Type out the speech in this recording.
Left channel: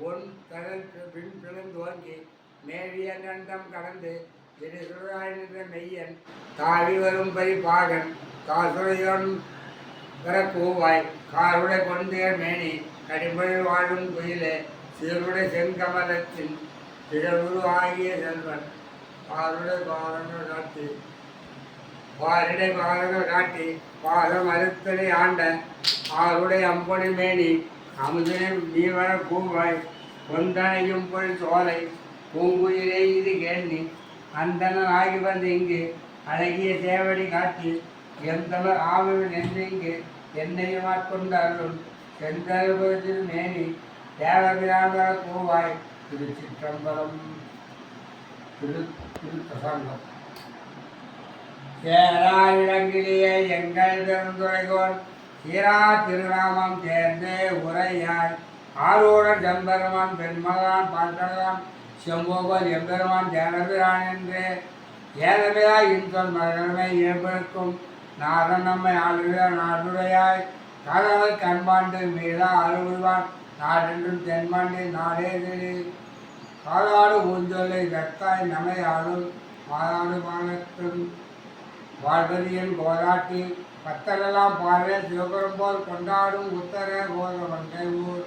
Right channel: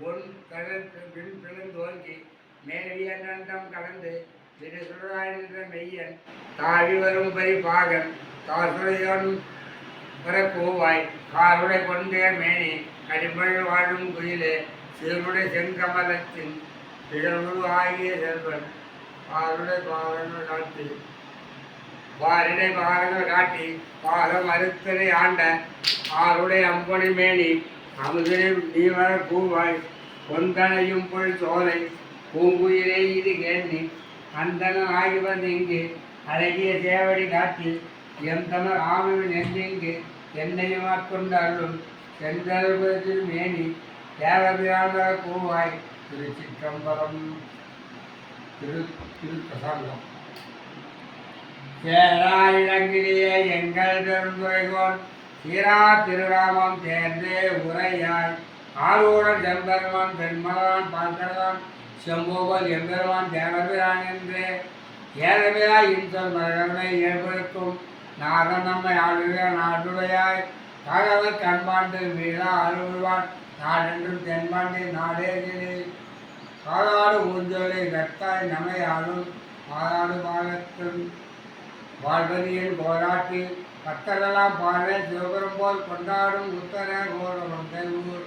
One தனக்கு பின் பிளந்தோங்கி மேவிய கண்டம் கடந்து திருசுராய் நின்ற மெய்யன் தாவி வரும் பரிபாகன் காசுரையோன் வர கூவாய் காருடை கொண்டேர் மேனி கடிபொழில் வாழும் குயிலே சீருடை செங்கமலத்தின் பிறவுரு ஆகிய செல்வன் பாருடை பாகன காட்டி பாரிடை பாகன காட்டி பாகம் அறுத்தனை ஆண்ட ஆருடை அம்பொனை மேனி அமுதனை நீ வர கூவாய் கொந்தனையும் பொல் சோலை பூங்குயிலே இது கேண்டி அந்தன ஆகி வந்து இங்கு அழகிய சேவடி காட்டி எந்தமர் ஆமையின் என்றிங்கு என்னையுமாக்கொண்டு அருளும் செந்தருபதில் மேனி தேவபிராமர கூவாய் திருச்சிற்றம்பலம். திருப்பிரசங்கம். சேராரிடங்கிலேயே எங்கள் பெருந்துரைகோன் சீரா திருராமம் சேர்ந்தே உரையாய் ஆரூரன் செம்பெருமான் பெண்மலான் பார்க்கலான் செம்போகல் எம்பெருமான் தேவபிரான் என்றே ஏதமையாய் இன்சொல் மகனை ஏற்படுக்கும் நாதன் நம்மை ஆளுக நாடுடையாய் தகவல் கண்பாண்டு மீளா அருள்வான் நாடென்றும் தென்பாண்டி நாடேகிரி காலாடு ஊஞ்சொல்லை வெத்தாய் நமை ஆளும் மாறாடு மாகத்தும் வாழ்வதியின் கோராட்டி பத்தரெல்லாம் பார்வை சிவபெரும் போல் கொண்டாடும் உத்தர கோர வந்தை ஊர்